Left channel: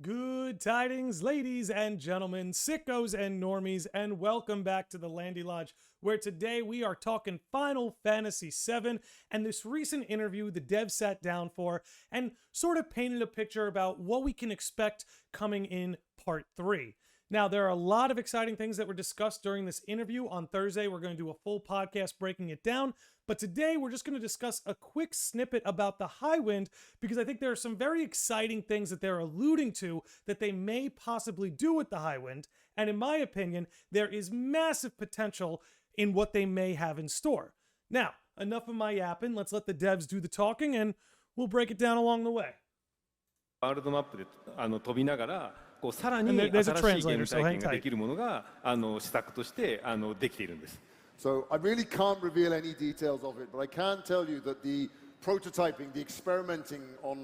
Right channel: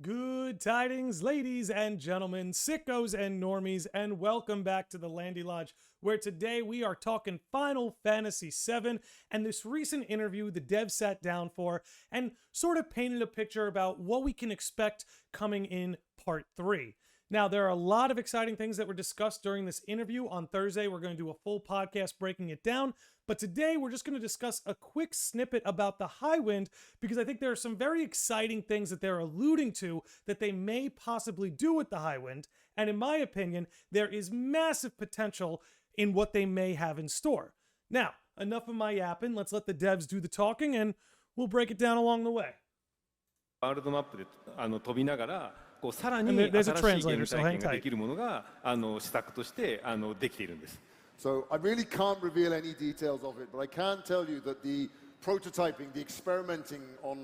Good tidings, ladies and gentlemen, sickos and normies, and welcome back to the Landy Lodge, where today we are talking Final Fantasy VII and this recent interview the devs sat down for and sort of painted a picture about what we can expect coming in Part 3. Now, there are a lot of exciting things that were discussed during this interview. On Thursday, we're going to do a full podcast breaking it down. But today, we're just going to discuss a quick snippet about the Highwind because I think there are some very exciting things that they're alluding to that they may possibly do with the Highwind. And in my opinion, there is massive potential in what they may have in store. Now, enough of my yapping. Let's let the devs do the talking and we'll break it down along the way. And there's a translator, so hang tight. So I really can't reveal any details of it, but I can tell you that the prototyping, the experimenting on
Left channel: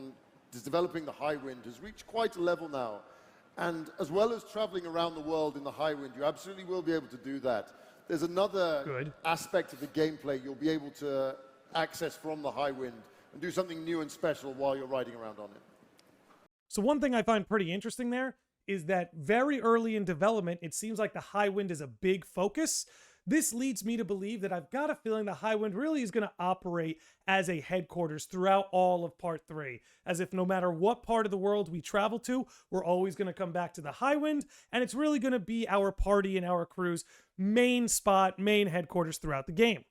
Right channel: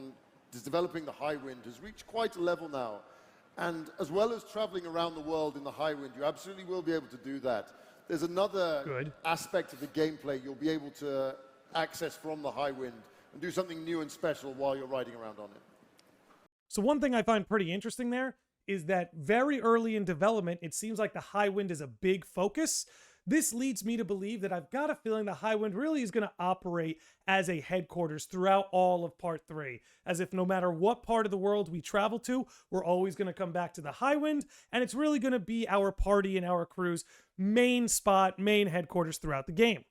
developing the Highwind has reached quite a level now. And as well as traveling around the world in the Highwind, you absolutely will be able to do that. There's another aspect of the gameplay you'll be able to access from the Highwind and do something new and special while you're riding around on it. So one thing I find pretty interesting there is that very early in development, it seems like the Highwind is a big focus. This leads me to believe that I've got a feeling the Highwind really is going to operate as a headquarters throughout all of Part 3. As if no matter what part of the world we travel to, we're always going to come back to the Highwind, and it's really going to be our party and our crew's main spot, main headquarters throughout the game.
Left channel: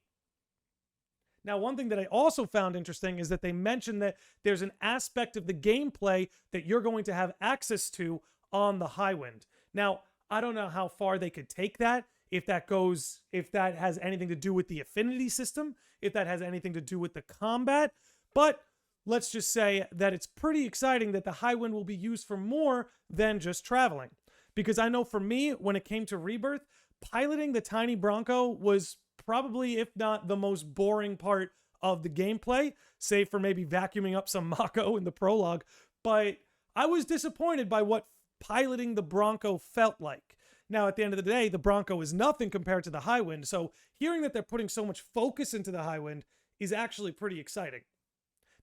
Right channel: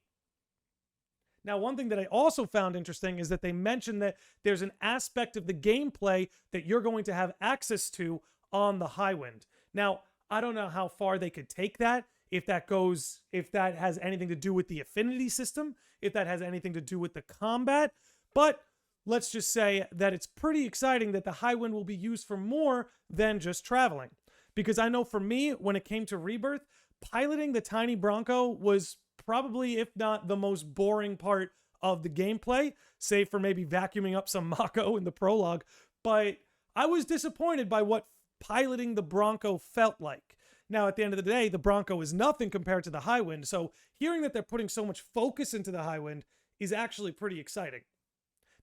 Now, one thing that I also found interesting is that they mentioned that there's an aspect of the gameplay that you're going to have access to on the Highwind. Now, I don't know how far they could take that, if that has anything to do with the affinity system, if that has anything to do with the combat, but let's just say that it's pretty exciting that the Highwind will be used for more than just traveling. Because I know for me, when it came to Rebirth, piloting the tiny Bronco was probably, if not the most boring part of the gameplay, save for maybe vacuuming up some Mako in the prologue. But I was disappointed by what piloting the Bronco felt like. Now, at the end of the day, the Bronco is nothing compared to the Highwind, so hearing that they're putting so much focus into the Highwind is actually pretty exciting.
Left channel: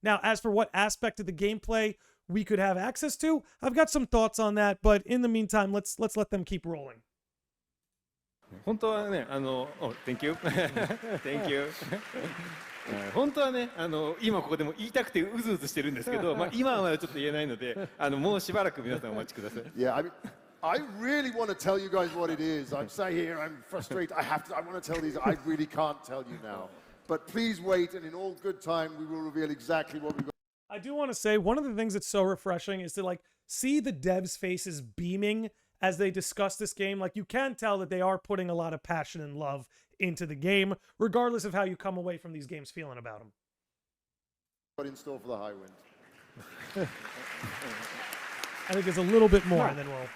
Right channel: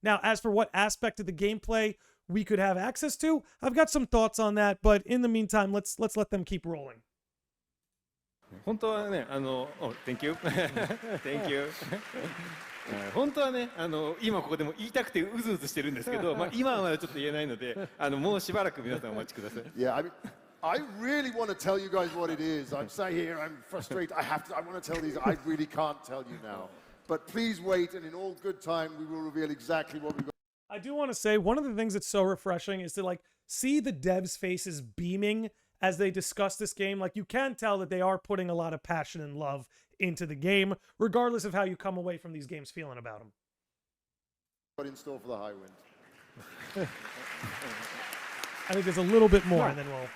Now, as for what aspect of the gameplay we could have access to, I've got some thoughts on that, but in the meantime, let's let them keep rolling. Thank you. 本当はね、今ここでも言いたくてうずうずしてるんですけど、今はちょっと言えないので、もうしばらく皆さんお待ちください。Yeah, I really want to tell you guys what it is. I'm saying I'm frustrated. I really can't tell you now. But please wait, and in all good time, we will reveal exactly what we're. I do want to say one of the things that's so refreshing is to see the devs' faces beaming as they discuss this game. Like, you can tell that they are putting a lot of passion and love into the game, regardless of how you come away from these games feeling about them. I think there's a little bit more, and then we'll.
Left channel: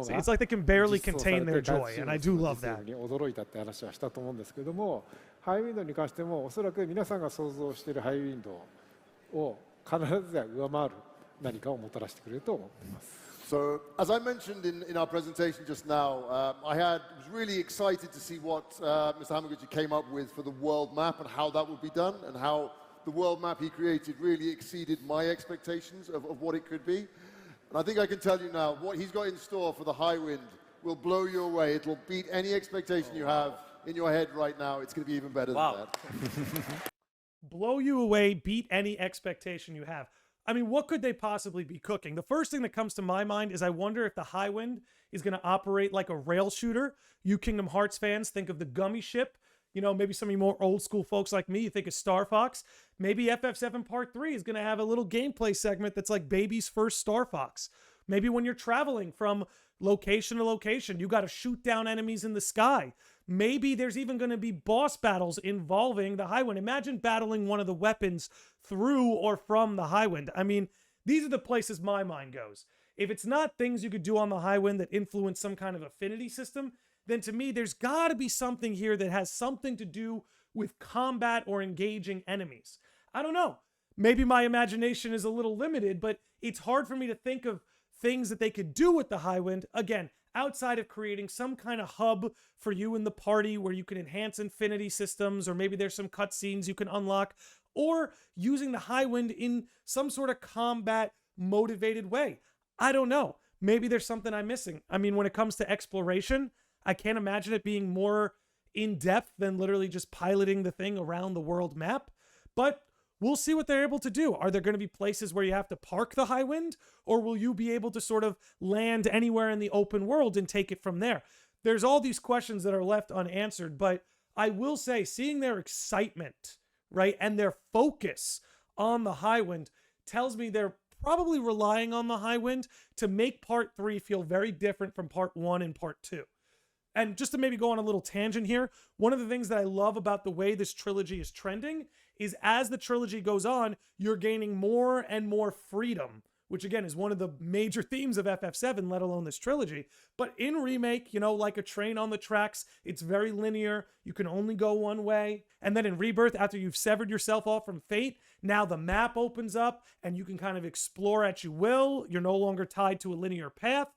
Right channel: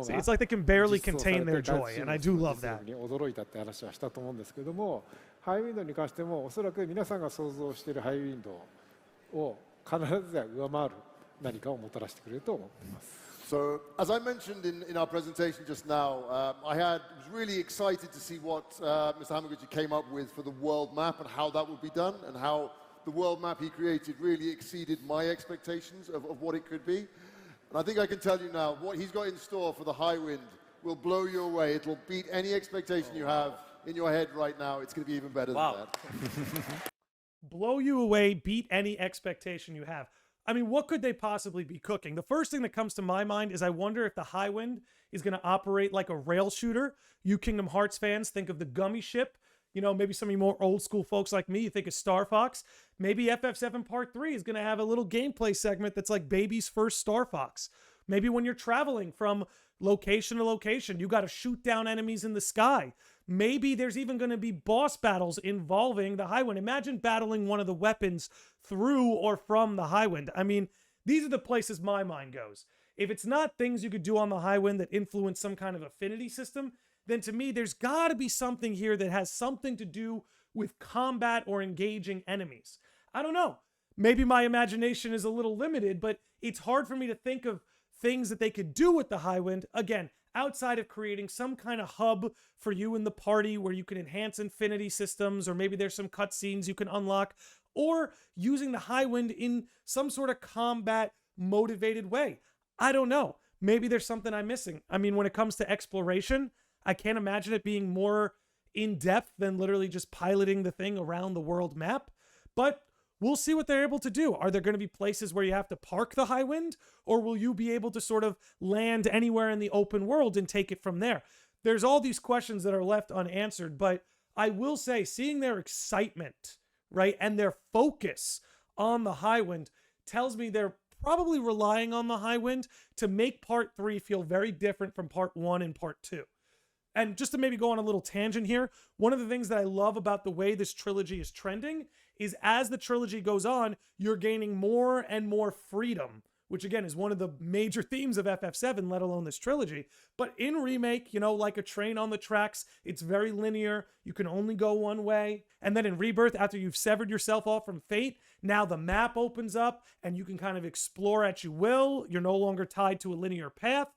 See, it's like they can barely contain their joy, and I do love that. So, as I mentioned in our presentation just now, I was really excited to see what Samuel came up with for the world map and how that would be done, and how the world map he created really exceeded my expectations of what it could be. I think I can tell you now, what he's going for the Highwind will blow you away. It will beat any expectation you have in your head right now. It's going to be even better than that. Blow you away, beat any expectation you have. I mean, what could they possibly be cooking? The first thing that comes to my mind is I wonder if the Highwind is going to operate like a rail shooter. You Kingdom Hearts fans think of the Gummy Ship. You know, maybe some of you more old school folks like me, you think of Star Fox. Maybe FF7 Part 3 is going to have a little gameplay segment that's like baby's first Star Fox. Maybe when you're traveling from location to location, you got to shoot down enemies in the sky. Maybe there's even going to be boss battles involving the Highwind. Imagine battling one of the weapons through or from the Highwind. I mean, these are the places my mind goes. If it's not things you could do on the Highwind that influence some kind of affinity system, then to me, there's got to be something here that has something to do with combat or engaging enemies. I don't know. Maybe my imagination is a little limited, but it's hard for me to think of things that they could do with the Highwind, again, outside of creating some kind of hub for you and the party where you can enhance infinity systems, or maybe there's some cutscenes you can unlock, or using the Highwind in some sort of combat motivated way. I don't know. Maybe there's something I'm missing. I mean, when it comes to exploration, I can't imagine it being more in depth than literally just piloting the thing around the world map. But we'll see what they're able to do. Are there going to be places where you have to park the Highwind, or will you be able to sort of land anywhere in the open world and take it from there? There's all these questions that are left unanswered, but I will say seeing their excitement, right, and their focus on the Highwind tells me they're probably relying on the Highwind to make part 3 feel very different from part 1 and part 2. And just to maybe go on a little tangent here, one of the things that I love about the way this trilogy is trending is as the trilogy goes on, you're gaining more and more freedom, which again is one of the major themes of FF7, let alone this trilogy. But in Remake, you know, like a train on the tracks, it's very linear. You can only go one way. And then in Rebirth, after you've severed yourself off from Fate, now the map opens up and you can kind of explore at your will. You're no longer tied to a linear path.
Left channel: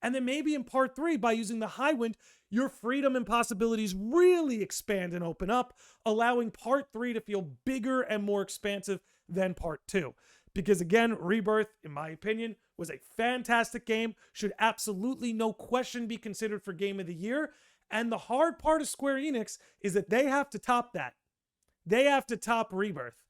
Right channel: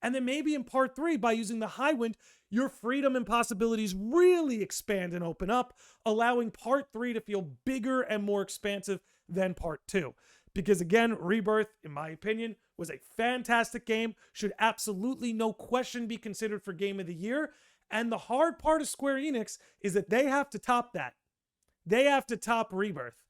And then maybe in part 3, by using the Highwind, your freedom and possibilities really expand and open up, allowing part 3 to feel bigger and more expansive than part 2. Because again, Rebirth, in my opinion, was a fantastic game, should absolutely no question be considered for Game of the Year. And the hard part of Square Enix is that they have to top that. They have to top Rebirth.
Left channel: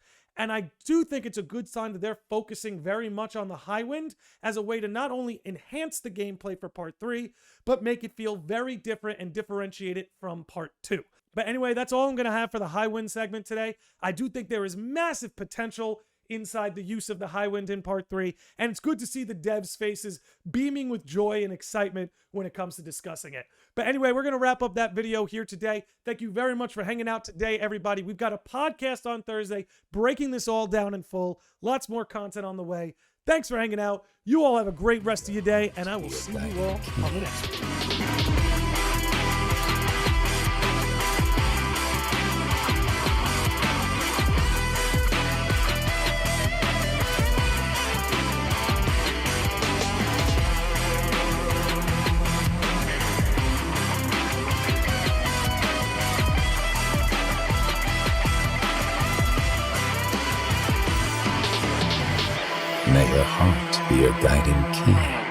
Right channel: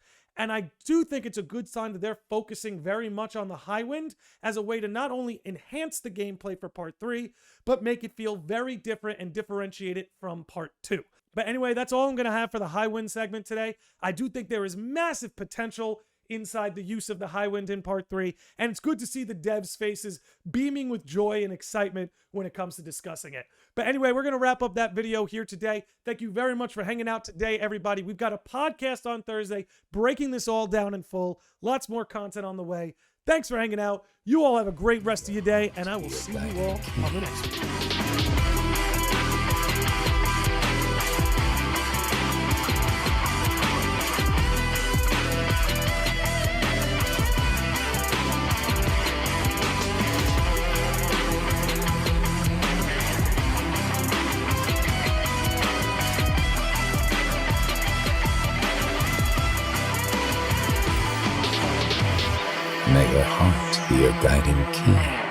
And I do think it's a good sign that they're focusing very much on the Highwind as a way to not only enhance the gameplay for part 3, but make it feel very different and differentiate it from part 2. But anyway, that's all I'm going to have for the Highwind segment today. I do think there is massive potential inside the use of the Highwind in part 3, and it's good to see the devs' faces beaming with joy and excitement when it comes to discussing it. But anyway, we're going to wrap up that video here today. Thank you very much for hanging out today, everybody. We've got a podcast on Thursday breaking this all down in full. Lots more content on the way. Thanks for hanging out. You all have a great rest of your day, and I will see you all on the next one. May your heart be your guiding key.